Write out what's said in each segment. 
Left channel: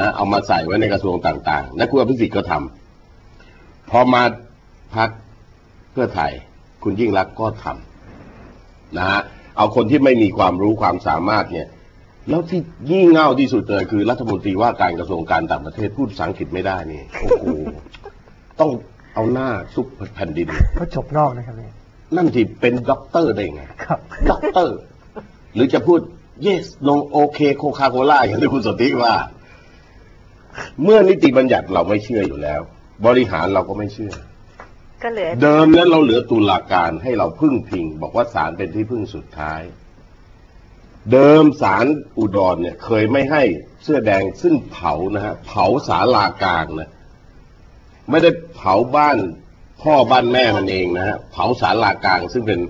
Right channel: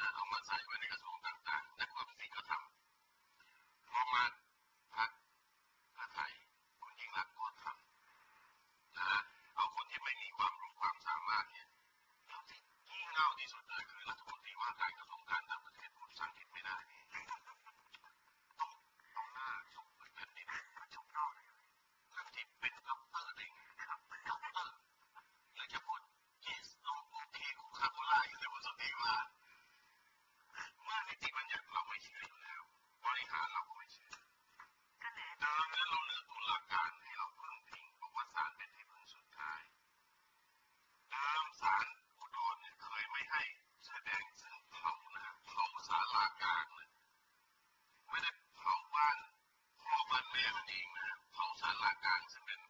นะเอามาใส่ไว้ในกระทรวงต่างๆ และคุณอภิสิทธิ์ก็ทำพอมาพักเพื่อไทยคุณยิ่งรักษณ์ก็ทำนะฮะเอาคนที่ไม่มีความรู้ความสามารถเนี่ย แล้วที่ยิ่งเง่าที่สุดเลยคือรัฐมนตรีว่าการกระทรวงการต่างประเทศพูดภาษาอังกฤษไม่ได้นี่โอ้โหต้องเอาหน้าซุกแผ่นดินก็จบนอกนะครับเนี่ยนั่นที่เป็นด็อกเตอร์ได้ไงครับด็อกเตอร์ หรือจะพูด yes no okay coca cola อย่างที่คุณสนธิว่า เมื่อนิติบัญญัติเราไม่เชื่ออยู่แล้ว บริหารเราก็ไม่เชื่อ ก็เหลือเดิมนั้นเราเหลือตุลาการให้เราพึ่งพิง บอกว่าศาลเป็นที่พึ่งสุดท้าย เดิมศาลอุดรเนี่ย เคยไม่ให้เสื้อแดงซึ่งเผานะฮะเผาศาลากลางนะไม่ได้เผาบ้านพ่อบ้านแม่มันเองนะฮะเผาศาลากลางซึ่งเป็น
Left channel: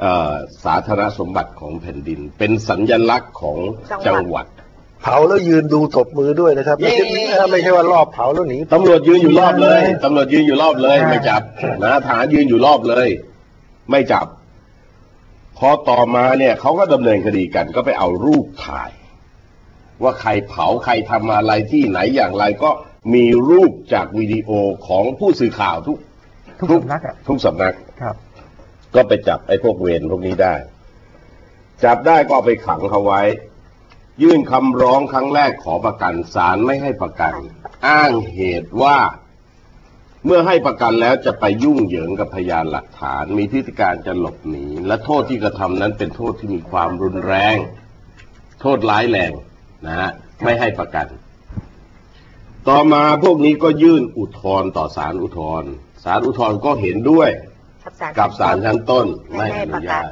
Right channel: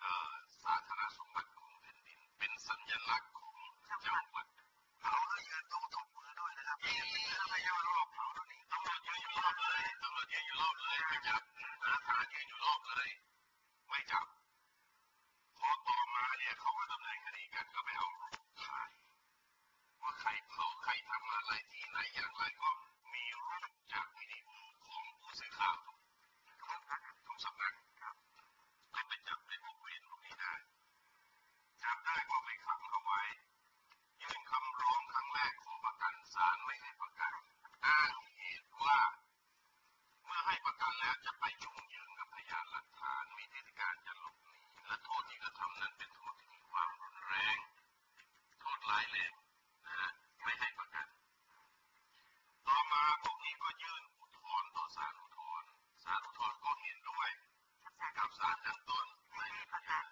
เอ่อสาธารณสมบัติของแผ่นดิน เป็นสัญลักษณ์ของจังหวัด เผาแล้วยืนดูตบมือด้วยนะครับ ไม่ใช่เย้ไม่ใช่ว่ารอบเผาแล้วหนีตำรวจยืนอยู่รอบเลยตำรวจยืนอยู่รอบเลย ไม่จับนะทหารยืนอยู่รอบเลย ไม่จับ พอต่อมาเนี่ยเขาก็ดำเนินคดีกัน ก็ไปเอารูปถ่าย ว่าใครเผาใครทำอะไรที่ไหนอย่างไรก็มีรูปจากวิดีโอของผู้สื่อข่าวทุก ทุกสำนักอะทุกสำนักครับ ก็ไปจับไอ้พวกเวรพวกนี้ได้ จับได้ก็เอาไปขังเขาไว้ ยื่นคำร้องครั้งแรกขอประกันศาลไม่ให้ประกัน อ้างเหตุว่า เมื่อให้ประกันแล้วจะไปยุ่งเหยิงกับพยานหลักฐาน มีพฤติการจะหลบหนี และโทษที่กระทำนั้นเป็นโทษที่มีความรุนแรง โทษร้ายแรงนะฮะไม่ให้ประกัน ต่อมาพวกนี้ก็ยื่นอุทธรณ์ต่อศาลอุทธรณ์ศาลอุทธรณ์ก็เห็นด้วย กับศาลชั้นต้นไม่ให้อประนุกัญานต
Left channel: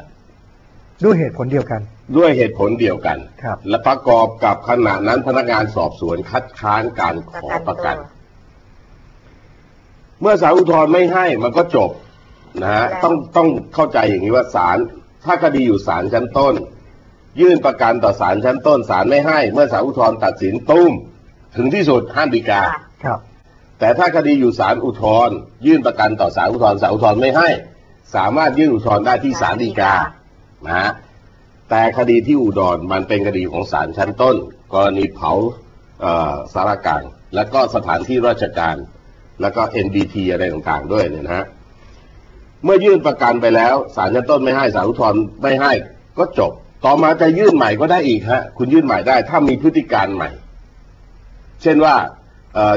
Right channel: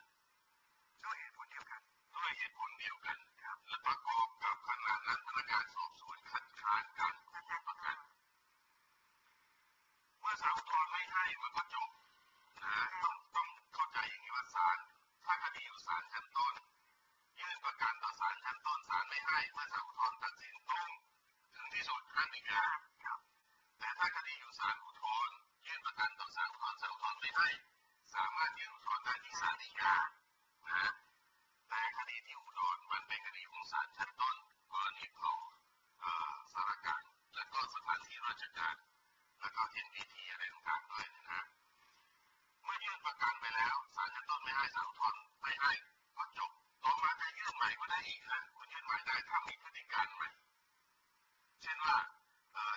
ด้วยเหตุผลเดียวกัน ด้วยเหตุผลเดียวกัน ครับ และประกอบกับขณะนั้นพนักงานสอบสวนคัดค้านการขอประกัน เมื่อศาลอุทธรณ์ไม่ให้มันก็จบนะฮะต้องต้องเข้าใจอย่างนี้ว่าศาลถ้าคดีอยู่ศาลชั้นต้น ยื่นประกันต่อศาลชั้นต้นศาลไม่ให้ เมื่อศาลอุทธรณ์ตัดสินตุ้ม ถึงที่สุดห้ามฎีกาค่ะครับ แต่ถ้าคดีอยู่ศาลอุทธรณ์ยื่นประกันต่อศาลอุทธรณ์ศาลอุทธรณ์ไม่ให้ สามารถยื่นอุทธรณ์ได้ที่ศาลฎีกา นะฮะแต่คดีที่อุดรมันเป็นคดีของศาลชั้นต้น กรณีเผาเสารกลาง แล้วก็สถานที่ราชการ แล้วก็ NBT อะไรต่างๆด้วยเนี่ยนะฮะเมื่อยื่นประกันไปแล้วศาลชั้นต้นไม่ให้ศาลอุทธรณ์ไม่ให้ก็จบ ต่อมาจะยื่นใหม่ก็ได้อีกฮะคุณยื่นใหม่ได้ ถ้ามีพฤติการใหม่ เช่นว่า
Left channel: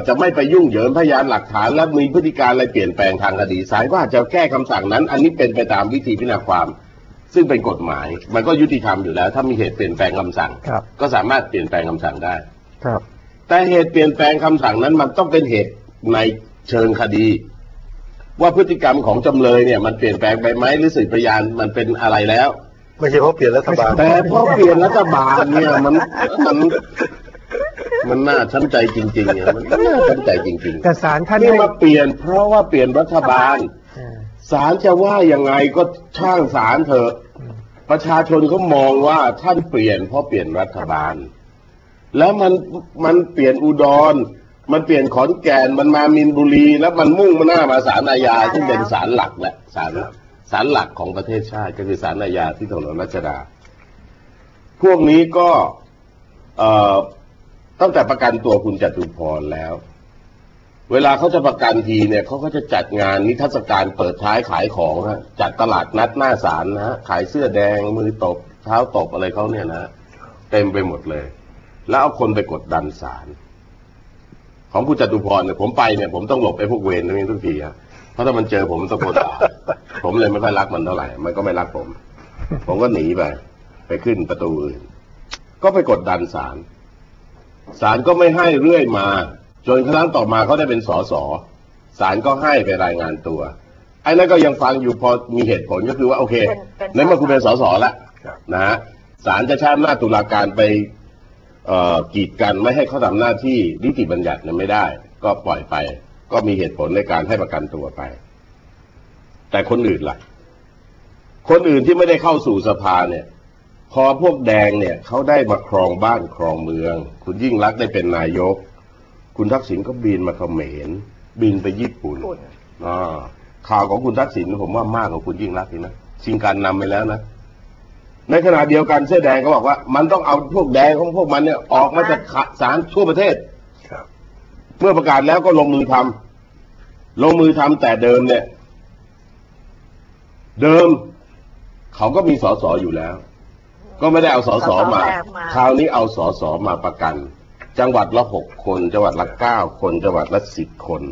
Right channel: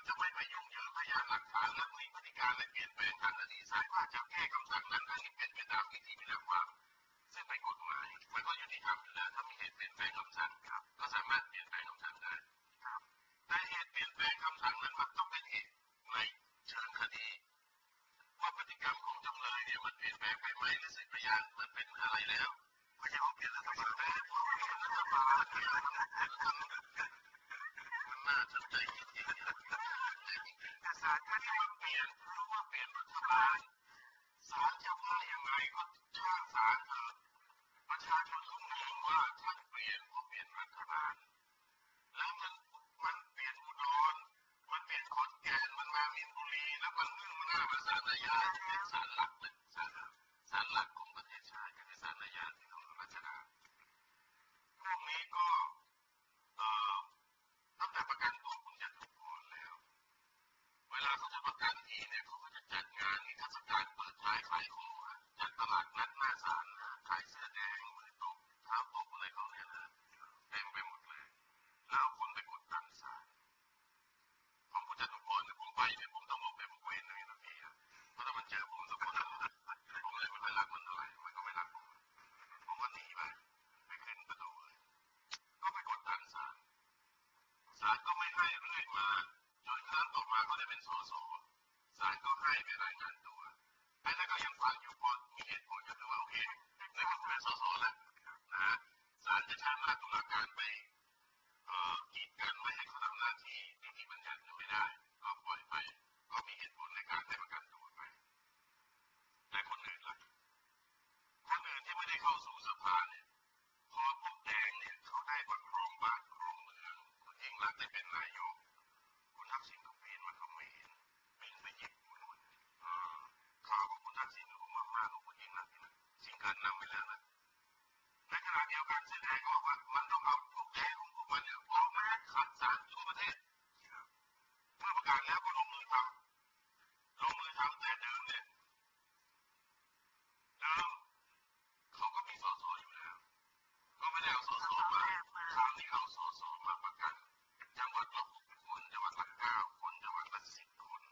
จะไม่ไปยุ่งเหยิงพยานหลักฐาน และมีพฤติการอะไรเปลี่ยนแปลงทางคดีศาลก็อาจจะแก้คำสั่งนั้น อันนี้เป็นไปตามวิธีพิจารณาความ ซึ่งเป็นกฎหมาย มันก็ยุติธรรมอยู่แล้ว ถ้ามีเหตุเปลี่ยนแปลงคำสั่ง ครับ ก็สามารถเปลี่ยนแปลงคำสั่งได้ ครับ แต่เหตุเปลี่ยนแปลงคำสั่งนั้นมันต้องเป็นเหตุในเชิงคดี ว่าพฤติกรรมของจำเลยเนี่ย มันเปลี่ยนแปลงไปไหมหรือสืบพยานมันเป็นอะไรแล้วไม่ใช่เพราะเปลี่ยนรัฐบาลแต่พอเปลี่ยนรัฐบาลเนี่ยมันมันมันน่าช้ำใจจริงๆเนี่ยมันน่าช้ำใจจริงแต่ศาลท่านๆที่ให้มาเปลี่ยนเพราะว่าเปลี่ยนรัฐบาลเออ ศาลจะว่ายังไงก็ช่างศาลเถอะ ประชาชนเขามองว่าท่านเปลี่ยนเพราะเปลี่ยนรัฐบาล แล้วมันมันเปลี่ยนอุดร มันเปลี่ยนขอนแก่นมันมามินบุรี แล้วมันมุ่งมาหน้ามาศาลอาญาซึ่เป็นศาลหลักแหละศาลศาลหลักของประเทศชาติก็คือศาลอาญาที่ถนนรัชดา พวกนี้ก็เอ่อตั้งแต่ประกันตัวคุณจตุพรแล้ว เวลาเขาจะประกันทีเนี่ยเขาก็จะจัดงานนิทรรศการเปิดท้ายขายของฮะจัดตลาดนัดหน้าศาลนะฮะขายเสื้อแดงมือตบเท้าตบอะไรเขาเนี่ยนะเต็มไปหมดเลย แล้วเอาคนไปกดดันศาลของคุณจตุพรเนี่ยผมไปเนี่ยผมต้องหลบไอ้พวกเวรตรงนี้ทุกทีฮะเพราะถ้ามันเจอผมมันตะโกนด่าผมเลยไม่ค่อยรักมันเท่าไหร่ มันก็ไม่รักผม ผมก็หนีไปไปขึ้นประตูอื่นก็ไปกดดันศาลศาลก็ไม่ให้เรื่อยมา จนครั้งต่อมาเขาได้เป็นสสศาลก็ให้ไปรายงานตัว ไอ้นั่นก็ยังฟังอยู่พอมีเหตุผลก็คือว่าโอเคเป็นเป็นในเมื่อคุณเป็นสสแล้วครับนะฮะศาลจะใช้อำนาจตุลาการไปเอ่อกีดกันไม่ให้เขาทำหน้าที่นิติบัญญัติเนี่ยไม่ได้ ก็ปล่อยไป ก็มีเหตุผลในการให้ประกันตัวไป แต่คนอื่นล่ะ คนอื่นที่ไม่ได้เข้าสู่สภาเนี่ย พอพวกแดงเนี่ยเขาได้มาครองบ้านครองเมือง คุณยิ่งรักษณ์ได้เป็นนายก คุณทักษิณก็บินมาเขมรบินไปญี่ปุ่นปุ่นอ่าข่าวของคุณทักษิณผมว่ามากกว่าคุณยิ่งรักษณ์อีกนะชิงการนำไปแล้วนะในขณะเดียวกันเสื้อแดงก็บอกว่า มันต้องเอาพวกแดงของพวกมันเนี่ยออกมาจากขะสารทั่วประเทศเมื่อประกาศแล้วก็ลงมือทำลงมือทำแต่เดิมเนี่ย เดิม เขาก็มีสสอยู่แล้ว ก็ไม่ได้เอาสสมาสสแบบมา คราวนี้เอาสสมาประกัน จังหวัดละหกคน จังหวัดละเก้าคน จังหวัดละสิบคน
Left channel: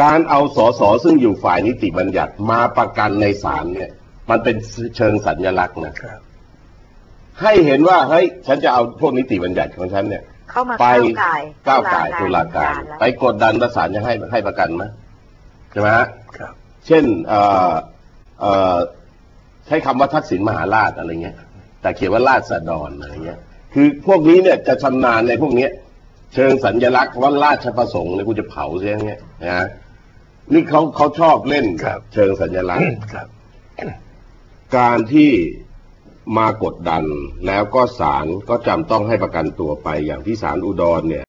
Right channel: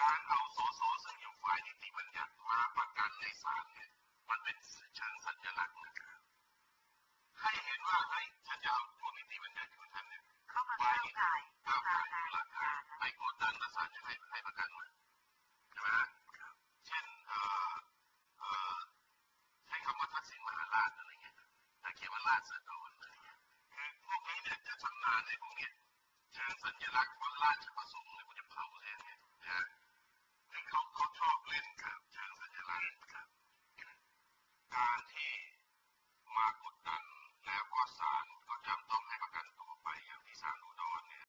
การเอาสสซึ่งอยู่ฝ่ายนิติบัญญัติมาประกันในศาลเนี่ย มันเป็นเชิงสัญลักษณ์นะครับ ให้เห็นว่าเฮ้ยฉันจะเอาพวกนิติบัญญัติของฉันเนี่ยเข้ามาไปก้าวไก่ก้าวไก่ายตุลาการแล้วไปกดดันประสานจะให้ให้ประกันไหมใช่ไหมฮะครับเช่นเอ่อเอ่อใช้คำว่าทักษิณมหาราชอะไรเงี้ย แต่เขียนว่าราชดรอะไรเงี้ย คือพวกนี้เนี่ยจะชำนาญในพวกเนี้ย เชิงสัญลักษณ์ว่าราชประสงค์เนี่ยกูจะเผาเสียอย่างเงี้ยนะนี่เขาเขาชอบเล่นครับ เชิงสัญลักษณ์ครับ การที่มากดดันแล้วก็ศาลก็จำต้องให้ประกันตัวไปอย่างที่ศาลอุดรเนี่ย